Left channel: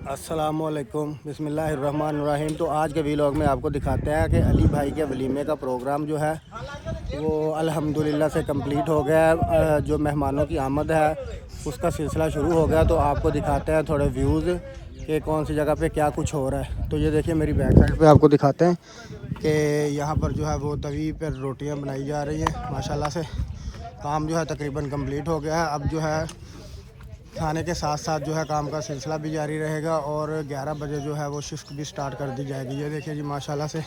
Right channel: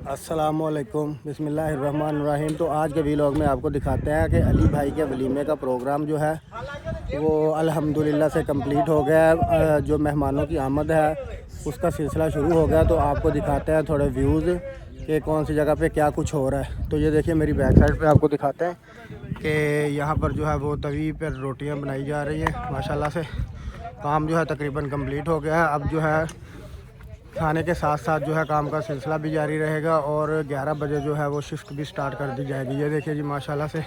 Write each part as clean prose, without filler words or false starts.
अस्सलामुअलैकुम बिस्मिल्लाहिर्रहमानिर्रहीम। तो आज के व्लॉग में आपको दिखाते हैं कि अली भाई के वलीमे का प्रोग्राम जो है वो अल्हम्दुलिल्लाह से कंप्लीट हो गया है। जो मेहमानों की आमद है उसका सिलसिला शुरू हो गया। तो आपको दिखाते हैं थोड़े व्यूज़ कि कौन सी जगह पे क्या कुछ हो रहा है। तो ये देखिए मेरी बैक साइड पे आपको दिखाते हैं कि यहाँ पर जो है वो तवी पर रोटियाँ बनाई जा रही हैं। माशाल्लाह से काम जो है तकरीबन कंप्लीट हो गया है। अब जो है खाने के साथ साथ जो है काम का सिलसिला भी जारी रहेगा और 11 बजे जो है वो शिफ्ट भी स्टार्ट कर दी जाएगी। ये देखिए जी माशाल्लाह से।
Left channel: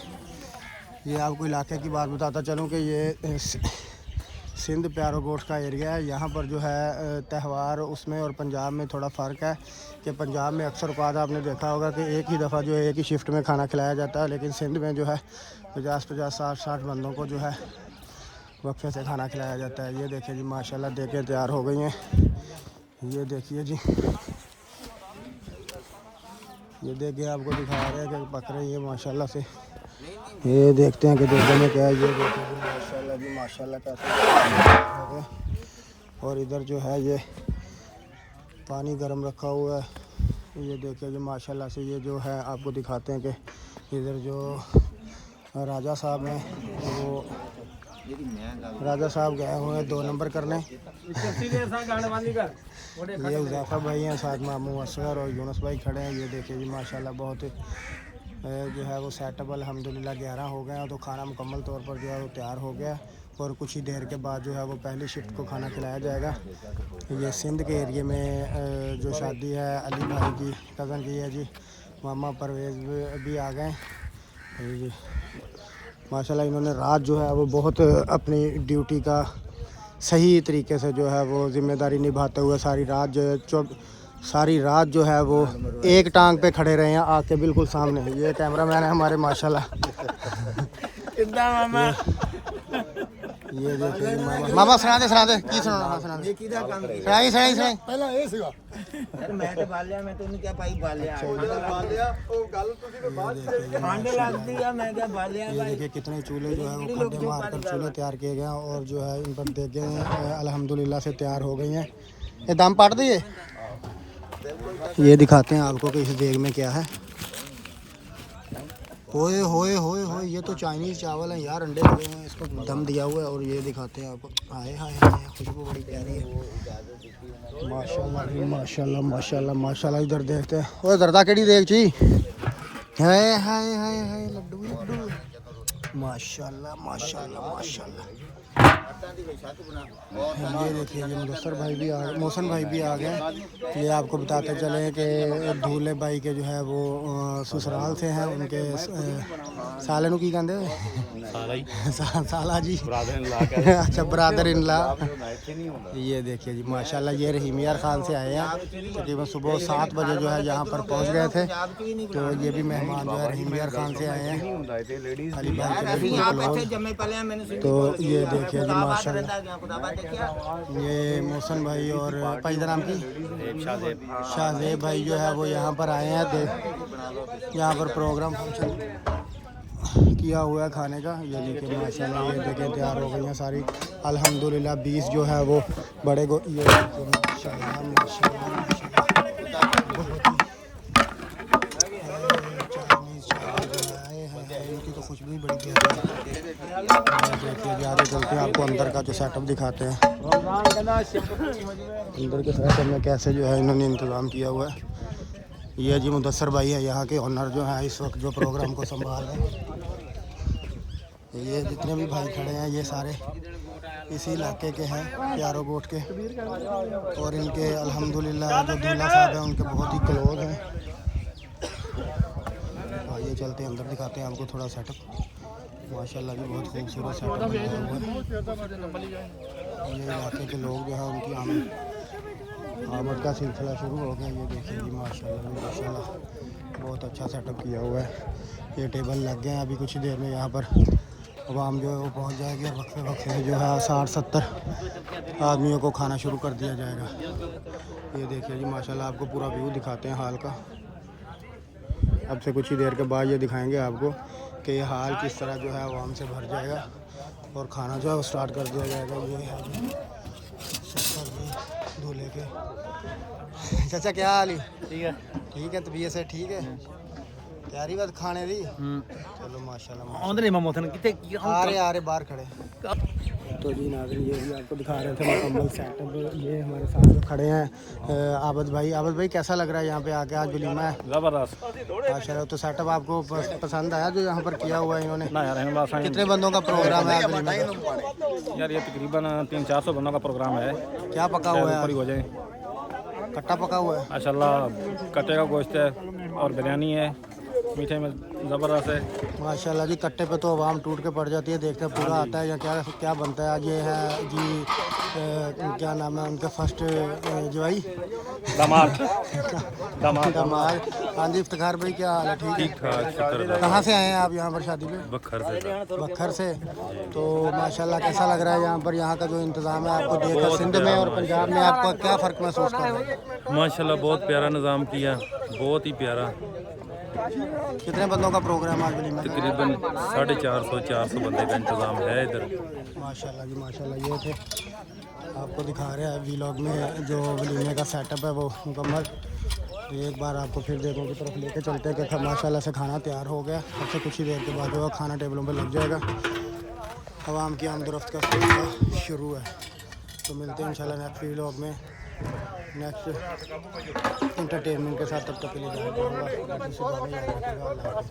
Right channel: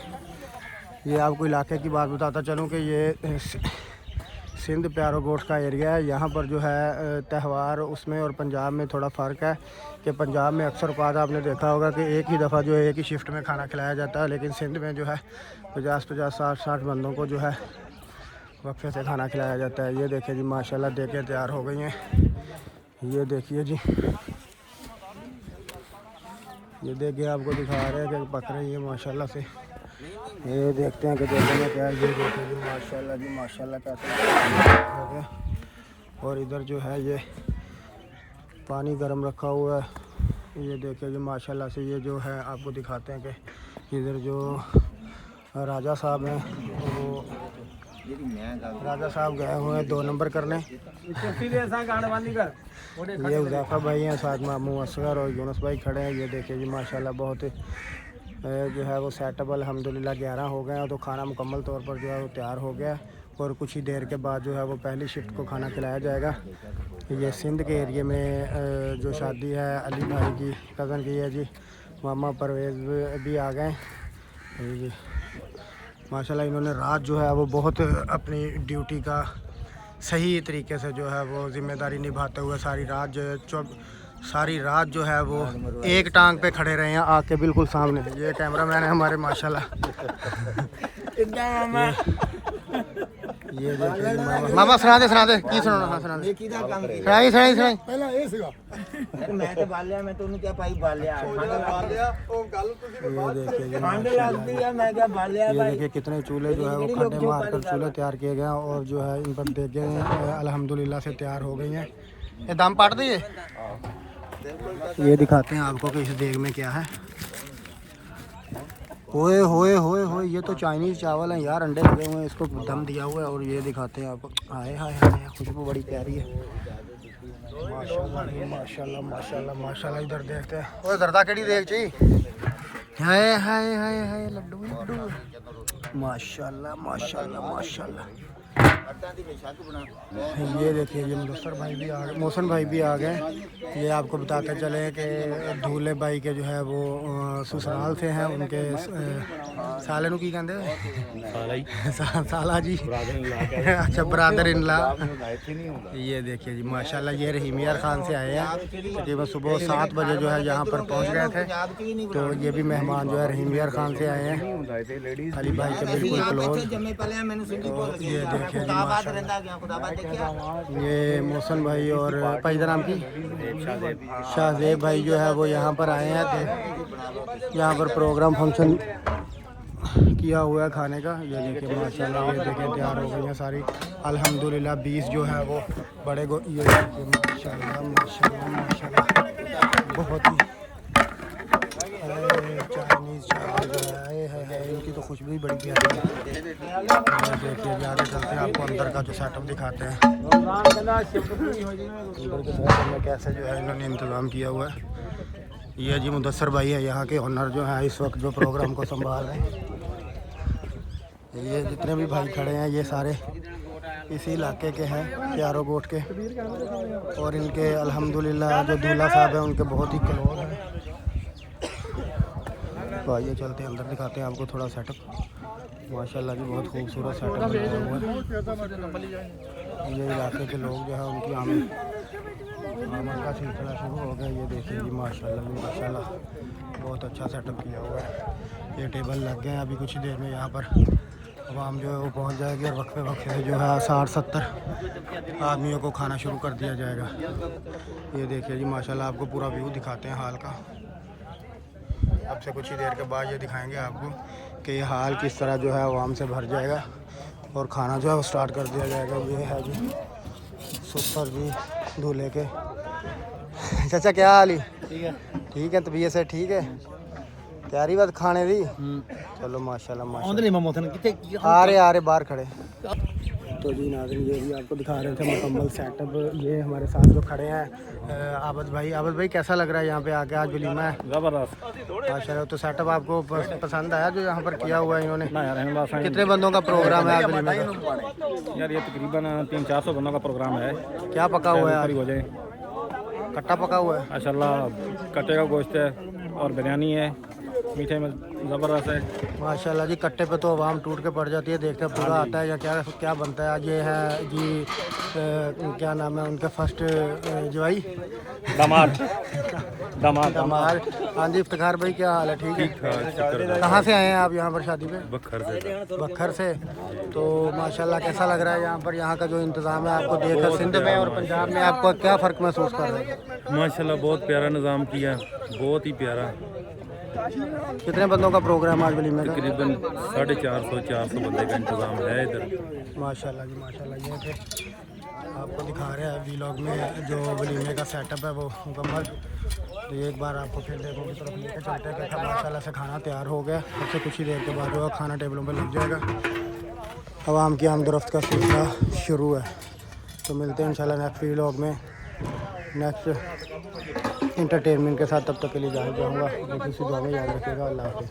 ये आपको इलाके की बात बताता चलूँ कि ये सिंध प्यारो गोश्त का एरिया है। यहाँ पर जो है त्यौहार उसमें और पंजाब में थोड़ा फ़र्क है कि पंजाब में अक्सर औक़ात आपने देखा होगा कि एक ही दफ़ा जो है एक ही शिफ्ट में खाना खिलाया जाता है, लेकिन सिंध में जो है 50-50 60-60 बंदों को जो है वक्फे से खाना खिलाया जाता है। ये देखिए जी माशाल्लाह देखें तैयार हो गई हैं। ये देखिए जी, ये देखिए आपको दिखा रहे हैं कि पक रही है माशाल्लाह से। ये देखते हैं कि दूसरे में क्या है। ये देखिए जी माशाल्लाह जी माशाल्लाह कैसे। और इधर जो है ये पानी गर्म रखा हुआ है। ये देखिए जी माशाल्लाह से। ये जो है आपको दिखाते हैं कि इधर जो राजा साहब हैं वो राजा साहब गए हुए हैं 2 नंबर करने। ये उज़ाफ़ा भाई हैं, साथ मामू असगर और यूनुस भाई खड़े हैं। ये देखिए जी माशाल्लाह बहुत जो है वो सेटअप अल्हम्दुलिल्लाह 11 हो गए हैं। तो खाना मुकम्मल तौर पर जो है वो तैयार हो गया और कुछ ही देर के बाद जो है वो पहली शिफ्ट को खाना खिलाया जाएगा। ये सिंध के एरिए में जो शादी है अली भाई की कज़न की है जी। मामा परवेज़ भी आ गए माशाल्लाह। इन्होंने रात जो है वो बहुत अपनी ड्यूटी का सही तरीके से जो है वो ज़िम्मेदारी निभाते हुए सारी रात जो है वो एक टांग पे खड़े रहे हैं आग के बिल्कुल सामने। ये कैमरामैन है हमारे माशाल्लाह। ये देखिए मामा सुना दे की सुनाना। हाँ सुना दे सुनाई पहला ये सीगा मैं तो बालिया मैं तो क्या पाई बालिया ठंड लगती है। ये देखिए कितने चूल्हे जो है वो खड्डे मार कर चूल्हे तैयार किए गए हैं और जो है इन पर देखें अल्हम्दुलिल्लाह से तैयार हो गई हैं। ये दम पाट दिए। ये दिखाते हैं आपको कि इस देग में क्या है। होए होए होए होए, ये तो चाइनीज़ चावल हैं यार, अंडे लगे हुए हैं, इसको दम दिया हुआ है। और ये दिखाते हैं आपको। हाय हाय हाय, खुशबू बड़ी प्यारी है माशाल्लाह माशाल्लाह माशाल्लाह माशाल्लाह। इधर देखते हैं वो दर्दा केड़ी देख ची हाय हाय हाय हाय लड्डू लड्डू माशाल्लाह माशाल्लाह माशाल्लाह। ये देखिए ये मुदस्सर भाई भी आ गए, मौसन भाई भी आ गए। ये आपको बताते चले कि दूल्हे भाई के जो है वो ससुराल से हैं। उनके साले नु की कहते साला जी अच्छा ब्रदर इन ला। ये देखिए जी माशाल्लाह। ये रहीम यार खान से आए हैं। तकरीबन सुबह 7 बजे जो है यहाँ पर पहुँच गए थे। तो ये भी मेहमान जो है रहीम यार खान से आए हैं, अली भाई के बिल्कुल क्लोज। तो ये देखिए जी माशाल्लाह। ये मौसन भाई और भाई का नाम की शाहजेब भाई जो है वो यहाँ पर आए हैं। यहाँ पर प्रोग्राम फंक्शन किया हुआ है खाने का। ये देखिए माशाल्लाह। ये देखिए तैयार हो गई हैं सारी अल्हम्दुलिल्लाह। 20 जो है वो बड़े को ये देखिए माशाल्लाह माशाल्लाह माशाल्लाह बहुत ही चाइनीज़ चावल जो है इनकी तो खुशबू ही बड़ी प्यारी है। देखिए ज़्यादा चलते हैं आपको अंदर का जो सेटअप दिखाते हैं। इधर के सेटअप में कैसे जो है इन्होंने इंतज़ाम किया हुआ है। ये जी मुदस्सर भाई है यहाँ के ओनर जो हैं इस वक्त जो प्रोग्राम को संभाल रहे हैं। ये जितने भी भाई खड़े हैं ये सारे इसी इलाके के हैं, प्यारो गोट के। और इनके अल्हम्दुलिल्लाह जो दूल्हा साहब हैं उनके बहुत ही क्लोज हैं। तो आइए चलते हैं अंदर, दिखाते हैं आपको थोड़ा सेटअप माशाल्लाह जी। बहुत खूबसूरत सेटअप बनाया हुआ है। ये इलाके के लोग जो है उनकी आमद का सिलसिला शुरू हो गया। ये देखिए जी माशाल्लाह जी माशाल्लाह बहुत अच्छा सेटअप किया हुआ है। ये टेबल लग गए हैं, अभी कुछ देर में यहाँ पर आवाम जो है वो पहुँच जाएगी और वक्फे जो है 60-70 आदमियों को खाना शुरू कर दिया जाएगा। ये देखिए जी माशाल्लाह। आपको पूरा व्यू दिखाते हैं हाल का। अब से कुछ ही देर के बाद ये दिखाएंगे आपको कि ये हाल किस तरह जो है आवाम से भर जाएगा और खाना जो है वो स्टार्ट कर दिया जाएगा। ये है जी सुपर जी दूल्हे के। चाचा क्या हाल ही? ठीक है। ठीक है, तबीयत से ठीक है, तैयारी बात खाने दी। चलो माशाल्लाह आ रहे बाहर खड़े। तो जी नाज़रीन, ये भी आपको दिखा रहे थे मुकम्मल सेटअप। ये हमारे साथ जो खड़े हैं आबद भाई कैसा लग रहा है यहाँ पे आके? आज वलीमा है, ज़बरदस्त। अच्छा। तो सेटअप आपको पसंद आया जो यहाँ पर किया हुआ है इन्होंने? ना यार, कितने बंदों का प्रोग्राम है आज वलीमे का? यार ये तकरीबन 300-400 बंदों का प्रोग्राम है। क्या पका हुआ है? हो जाए कट्टा पका हुआ है माशाल्लाह, कट्टे का गोश्त है और बिरयानी है, मीठे में ज़बरदस्त है माशाल्लाह जी। कट्टे पे तो आवाम टूट के पड़ जाती है, देखते पूरा आता है या क्या क्या बनता है। ये है जी क्या नाम है उनका, फर्स्ट जवाई दमाद। हाँ जी इफ्तिखार भाई, क्या हाल है? ठीक है, शुक्र। कहाँ से आए हैं आप यहाँ पर शादी पे? बखर से तो माशाल्लाह कैसा लग रहा है यहाँ पर? यहाँ का जो इंतज़ाम है आपको देखकर सिंध में और पंजाब में आपको क्या फ़र्क महसूस कर रहे हैं? माशाल्लाह बहुत प्यारा निज़ाम किया, बहुत ही प्यारा। कितने बंदों का प्रोग्राम आज वलीमे का? तकरीबन 450 बंदे का इंतज़ाम है इधर। माशाल्लाह जी माशाल्लाह। ये थे आपको दिखा रहे हैं वीलॉग में जो वलीमे का सेटअप है वो मुकम्मल। तो एक बार आपको फिर देखने की तरफ लेके चलते हैं कि माशाल्लाह से खाना तैयार हो गया। अब से कुछ ही देर के बाद जो खाना टेबलों पर लग जाएगा। आवाम की आमदरफ्त का सिलसिला शुरू है। तो मिलते हैं इंशाल्लाह नेक्स्ट वीलॉग में, नेक्स्ट इंटरटेनमेंट के साथ। तब तक के लिए इजाज़त दूँगा। किसी दुआ में याद रखिएगा। अल्लाह हाफ़िज़।